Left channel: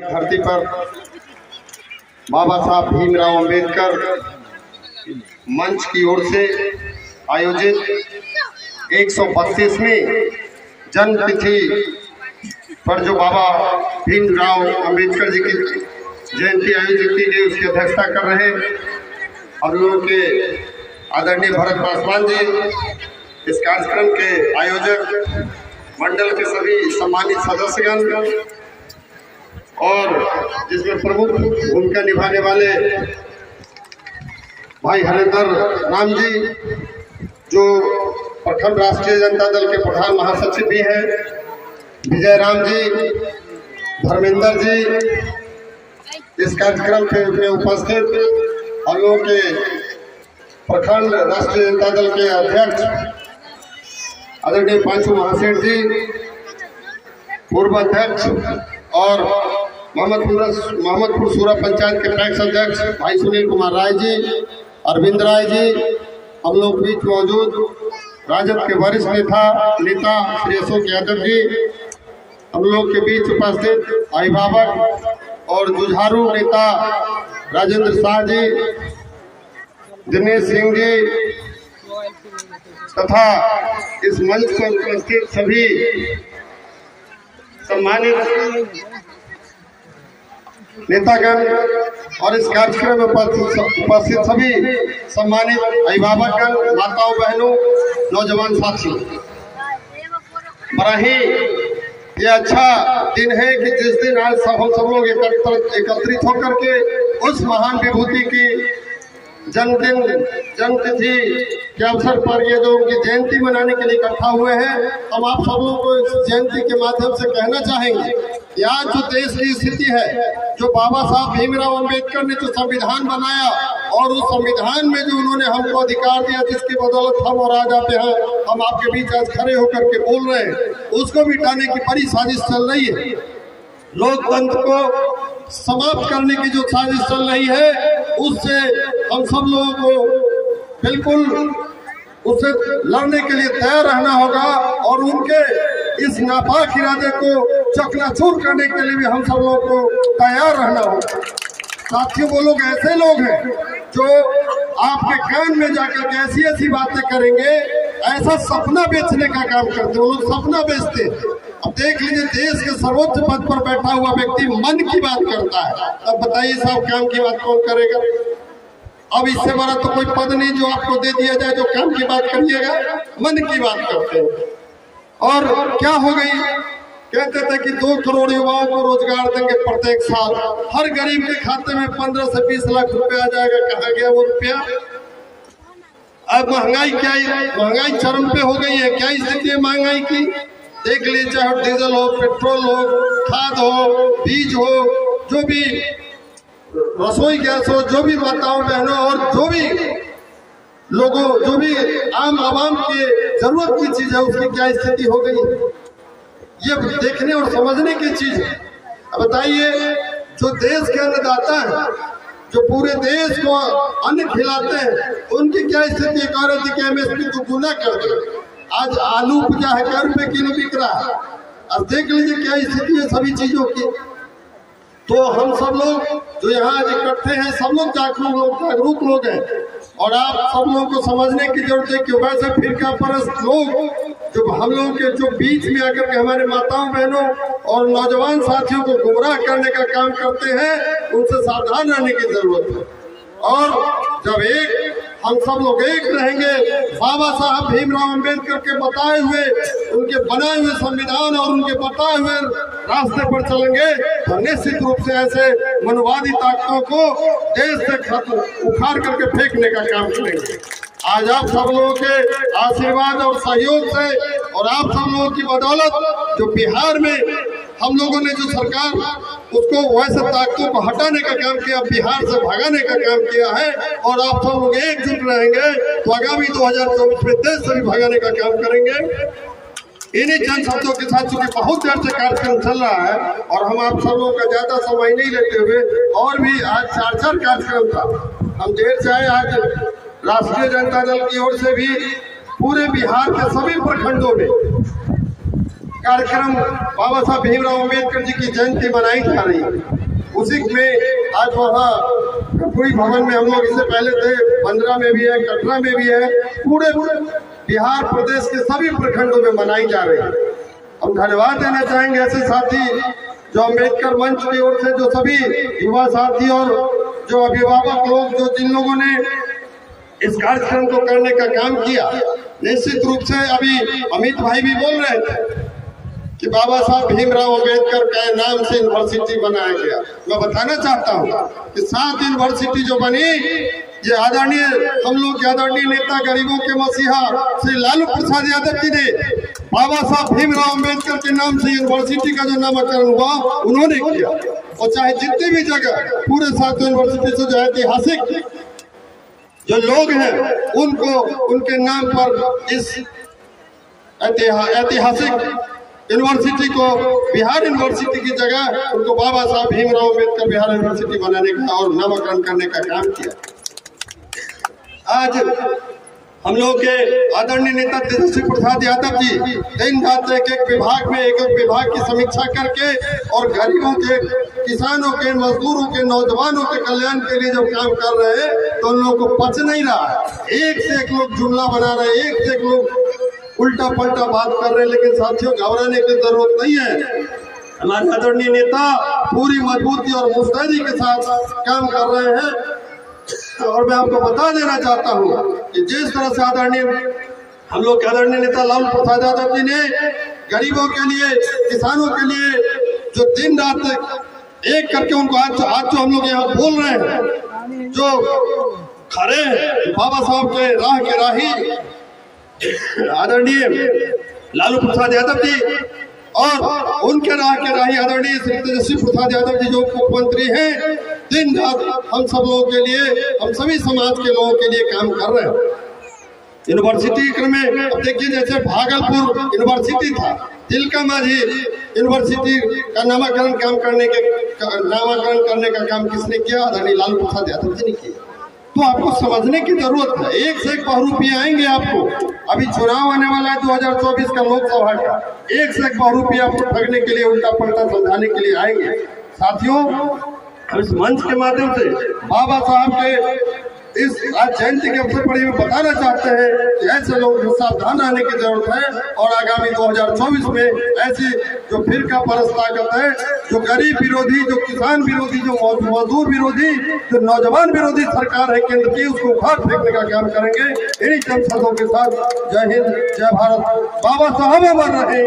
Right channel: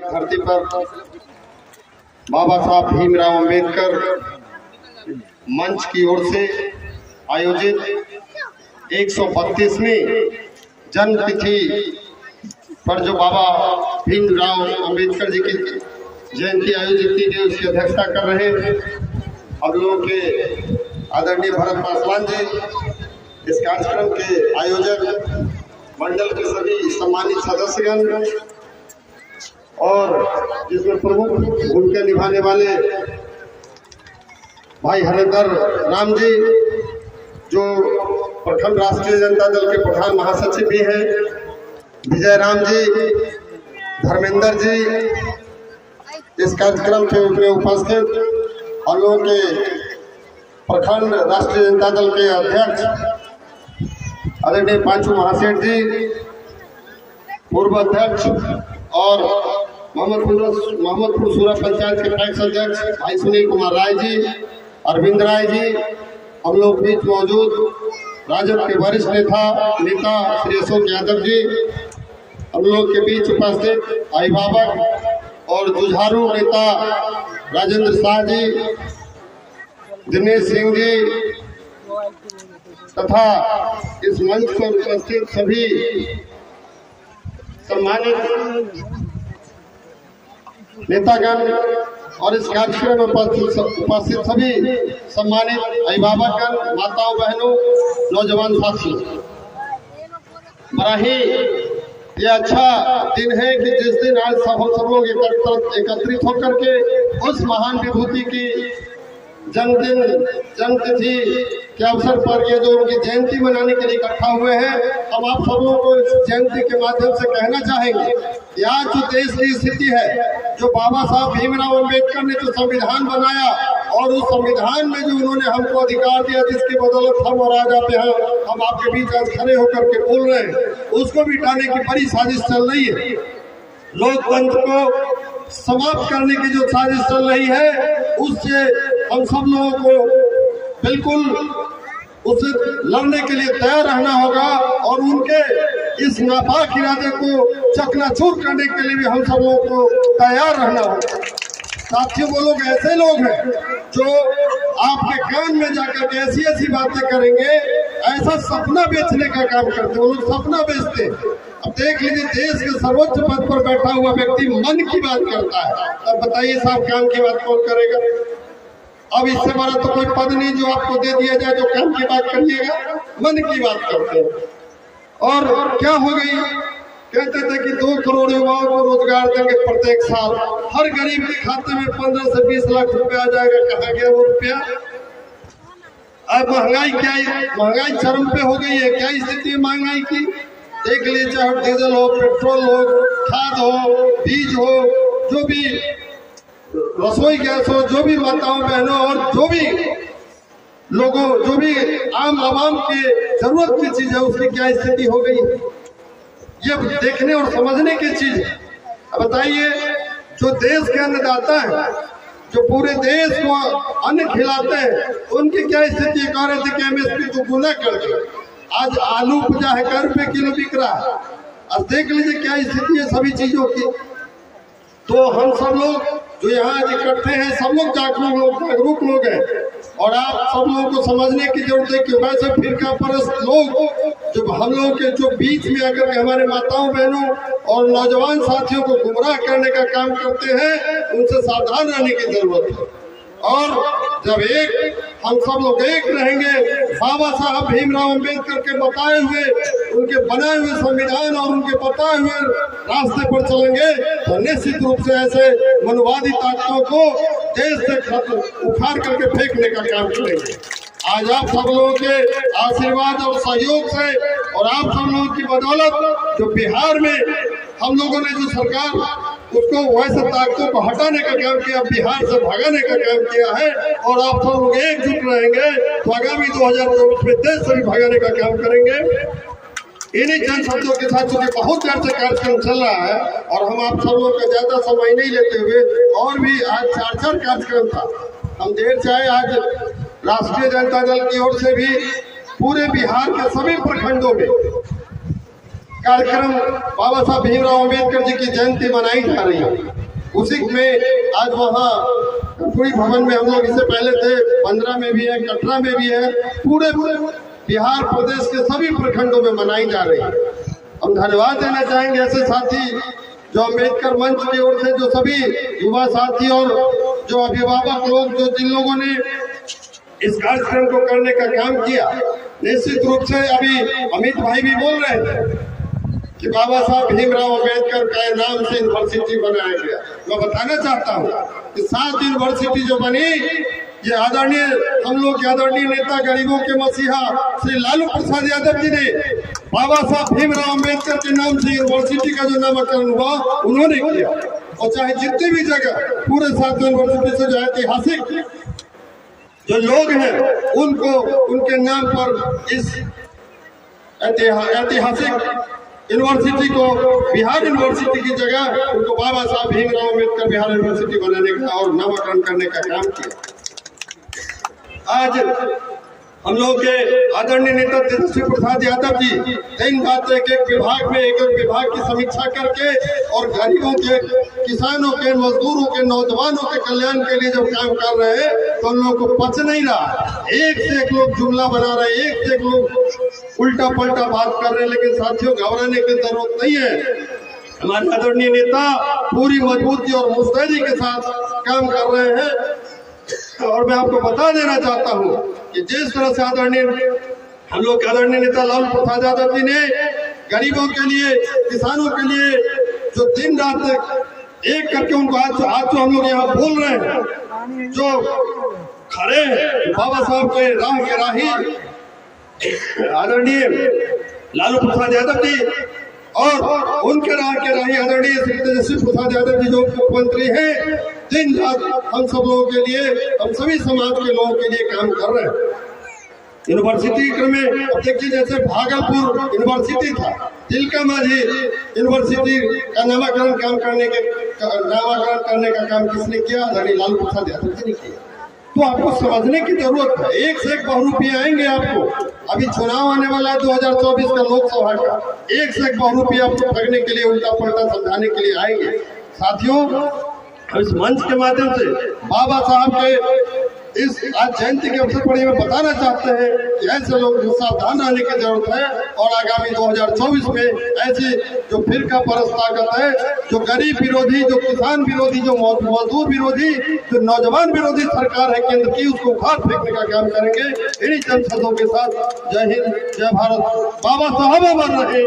धरती पर बाबा साहब भीमराव अंबेडकर मंच की ओर से आयोजित 132वीं जन्मतिथि पर जो बाबा भीमराव अंबेडकर जी की जयंती आयोजित की गई उसकी अध्यक्षता कर रहे हम लोगों के आदरणीय भरत पासवान जी, इस कार्यक्रम के आयोजक मंडल के सभी सम्मानित सदस्यगण और जिसमें प्रमुख भूमिका निभाने वाले भाई हरेंद्र राम जी जो प्रखंड राष्ट्रीय जनता दल के प्रधान महासचिव भी हैं, विजय राम जी, धर्मेंद्र जी, इस कार्यक्रम में उपस्थित हम लोगों के प्रखंड राष्ट्रीय जनता दल के अध्यक्ष आदरणीय पांचू महासेठ जी, पूर्व अध्यक्ष और मोहम्मदपुर सूरा पंचायत के पैक्स अध्यक्ष भाई सुनील कुमार राय जी, अरविंद राय जी, हम लोग बीच मौजूद राजद के वरिष्ठ नेता श्री अशोक यादव जी, हम लोग के बीच उपस्थित अभिभावक और जुझारू नेता राजेंद्र शाह जी, दिनेश सिंह जी तथा इस मंच पर उपस्थित सभी सम्मानित नेतागण और इस कार्यक्रम में उपस्थित सभी सम्मानित अभिभावकगण, माताओं बहनों, नौजवान साथियों, बड़ा ही ये अच्छा दिन है कि जिस दिन आज हम सब लोग एकत्रित होकर के उस महान विभूति की जन्मतिथि के अवसर पर ये जो उनकी जयंती मनाने के लिए इकट्ठा हुए हैं, हम आप सब लोगों को इस जयंती के माध्यम से कहना चाहेंगे कि आज जो देश की स्थिति है, जो बाबा साहब भीमराव अंबेडकर ने जो संविधान बनाया और उस संविधान में जो उन्होंने हमको अधिकार दिया जिसकी बदौलत हम और आज आप यहाँ हम आपके बीच आज खड़े होकर के बोल रहे हैं, उसको मिटाने की बड़ी साजिश चल रही है। लोकतंत्र को समाप्त करने की जो साजिश चल रही है उससे हम सब लोगों को बिल्कुल उससे लड़ने के लिए तैयार रहना होगा और उनके इस नापाक इरादे को चकनाचूर करने के लिए भी हम सब लोगों को तैयार रहना होगा। साथियों, वो लोग ऐसे लोग हैं जो आपके कान में जाकर ऐसी ऐसी बातें करेंगे, ऐसा सपना बेचने का काम करते हैं। वो लोग सपना बेचते हैं। अब देख लीजिए, देश के सर्वोच्च पद पर बैठा हुआ व्यक्ति मन की बात करता है, अब बताइए साहब काम की बात कौन करेगा? अब इससे बड़ा तो कोई पद नहीं जो आपको दे दिया जाए जो काम की बात करिएगा, मन की बात करते हैं। और क्या हो गई, कहते थे कि 2 करोड़ युवाओं को रोजगार देंगे प्रत्येक साल, हर गरीब के खाते में 15 से 20 लाख रुपया आ जाएगा। कहाँ गया वो रुपया? अब महंगाई क्या है, महंगाई चरम पे हो गई है। क्या स्थिति है महंगाई की? देख लीजिए, चाहे डीजल हो, पेट्रोल हो, खाद हो, बीज हो, जो भी रसोई गैस हो, जो भी माताओं बहनों और जो भी लोगों, जो भी आम आवाम की जरूरत की चीज है उसकी क्या स्थिति हो गई, ये देखने और समझने की चीज है। अब बताइए, जो देश के अन्नदाता है, जो पूरे देश को अन्न खिलाते हैं, उनकी क्या स्थिति? कह रहे थे कि एमएसपी को गुना कर दे। आज आलू 50 रुपए किलो बिक रहा है। अब देख लीजिए क्या स्थिति है सभी चीजों की। तो हम सब लोग जो यहाँ आज इकट्ठे हैं, सब लोग जागरूक लोग हैं और आप सब लोगों को समझने की जरूरत है कि वैसे फिरका परस्त लोग जो हम लोगों के जो बीच में आकर के हमारे माताओं बहनों और नौजवान साथियों को गुमराह करने का काम करते हैं, उनसे सावधान रहने की जरूरत है। और जब हम सब लोग एक रहेंगे, बाबा साहब भीमराव अंबेडकर के बताए हुए, उनके बनाए हुए संविधान और उनके बताए हुए रास्ते पर चलेंगे, तो निश्चित रूप से ऐसे मनवादी ताकतों को देश से उखाड़ करके फेंकने का काम करेंगे। आज आप सब लोगों के आशीर्वाद और सहयोग से और आप सब लोगों की बदौलत जो बिहार में हम लोगों ने जो सरकार उसको वैसे ताकतों को हटाने का काम किया, बिहार से भगाने का काम किया है और आप सब लोग एकजुट रहेंगे तो आगामी 2024 में देश से भी भगाने का काम करेंगे। इन्हीं चंद शब्दों के साथ चूंकि बहुत देर से कार्यक्रम चल रहा है और हम आप सब लोगों का ज्यादा समय नहीं लेते हुए, और भी आज 4 कार्यक्रम था, हम देर से आए। आज राष्ट्रीय जनता दल की ओर से भी पूरे बिहार के सभी प्रखंडों में कार्यक्रम बाबा साहब भीमराव अम्बेडकर जी की जयंती मनाई जा रही है। उसी में आज वहाँ कर्पूरी भवन में हम लोग इससे पहले थे, 15 में भी है, कटरा में भी है, पूरे बिहार प्रदेश के सभी प्रखंडों में मनाई जा रही है। हम धन्यवाद देना चाहेंगे ऐसे साथी जो अम्बेडकर मंच की ओर से जो सभी युवा साथी और जो अभिभावक लोग जो जिन लोगों ने इस कार्यक्रम को करने का काम किया। निश्चित रूप से अभी अमित भाई भी बोल रहे थे कि बाबा साहब भीमराव अम्बेडकर के नाम से यूनिवर्सिटी बनाया गया। मैं बताना चाहता हूँ कि 7 यूनिवर्सिटी जो बनी ये आदरणीय हम लोग के आदरणीय नेता गरीबों के मसीहा श्री लालू प्रसाद यादव जी ने बाबा साहब भीमराव अम्बेडकर के नाम से यूनिवर्सिटी का जो नामकरण हुआ उन्होंने किया। और चाहे जितनी भी जगह पूरे 7 यूनिवर्सिटी से जो ऐतिहासिक जो लोग हैं उनको उनके नाम पर इस ऐतिहासिक यूनिवर्सिटी को बिहार यूनिवर्सिटी की जगह उनको बाबा साहब भीमराव अम्बेडकर बिहार यूनिवर्सिटी बनाने का और नामकरण करने का काम किया। आज हम लोग के आदरणीय नेता तेजस्वी प्रसाद यादव जी दिन रात एक विभाग में एक विभाग की समीक्षा करके और गरीबों के, किसानों के, मजदूरों के, नौजवानों के कल्याण के लिए जब काम कर रहे हैं तो उन लोगों को पच नहीं रहा। एक से एक लोग जुमला बना रहे हैं, एक से एक लोग उल्टा पलटा बात कर रहे हैं। लेकिन साथियों घबराने की जरूरत नहीं है। हमारे आदरणीय नेता पूरी मजबूती और मुस्तैदी के साथ काम कर रहे हैं। और मैं आपको बता देना चाहता हूँ कि जिस तरह से आदरणीय हम लोग के आदरणीय नेता लालू प्रसाद यादव जी ने गरीबों के लिए, किसानों के लिए जो दिन रात एक करके उनको आज तो हम लोग यहाँ बोल रहे हैं जो खड़े हैं बाबा साहब के राह के राही आदरणीय लालू प्रसाद यादव जी और उनके राह के राही आदरणीय श्री तेजस्वी प्रसाद यादव जी जो मुख्यमंत्री हैं, दिन रात हम सब लोगों के लिए, हम सभी समाज के लोगों के लिए काम कर रहे हैं। यूनिवर्सिटी में अब देखिए जैसे भागलपुर यूनिवर्सिटी था, तिलका मांझी यूनिवर्सिटी का नामकरण करने का काम किसने किया? आदरणीय लालू प्रसाद यादव जी ने किया। तो आपको समझने की जरूरत है। एक से एक बहुरूपी आएंगे आपको। अभी चुनाव आने वाला है 2024 का लोकसभा का, एक से एक बहुरूपी आपको ठगने के लिए, उल्टा पलटा समझाने के लिए आएंगे। साथियों इस मंच के माध्यम से बाबा साहब के इस आज जयंती के अवसर पर हमें बताना चाहते हैं कि ऐसे लोग सावधान रहने की जरूरत है। और आगामी 2024 में ऐसी जो फिरका परस्त ताकत है, जो गरीब विरोधी, जो किसान विरोधी, जो मजदूर विरोधी, जो नौजवान विरोधी सरकार है केंद्र की, उसको उखाड़ फेंकने का काम करेंगे। इन्हीं जन शब्दों के साथ जय हिंद, जय भारत, बाबा साहब अमर रहे।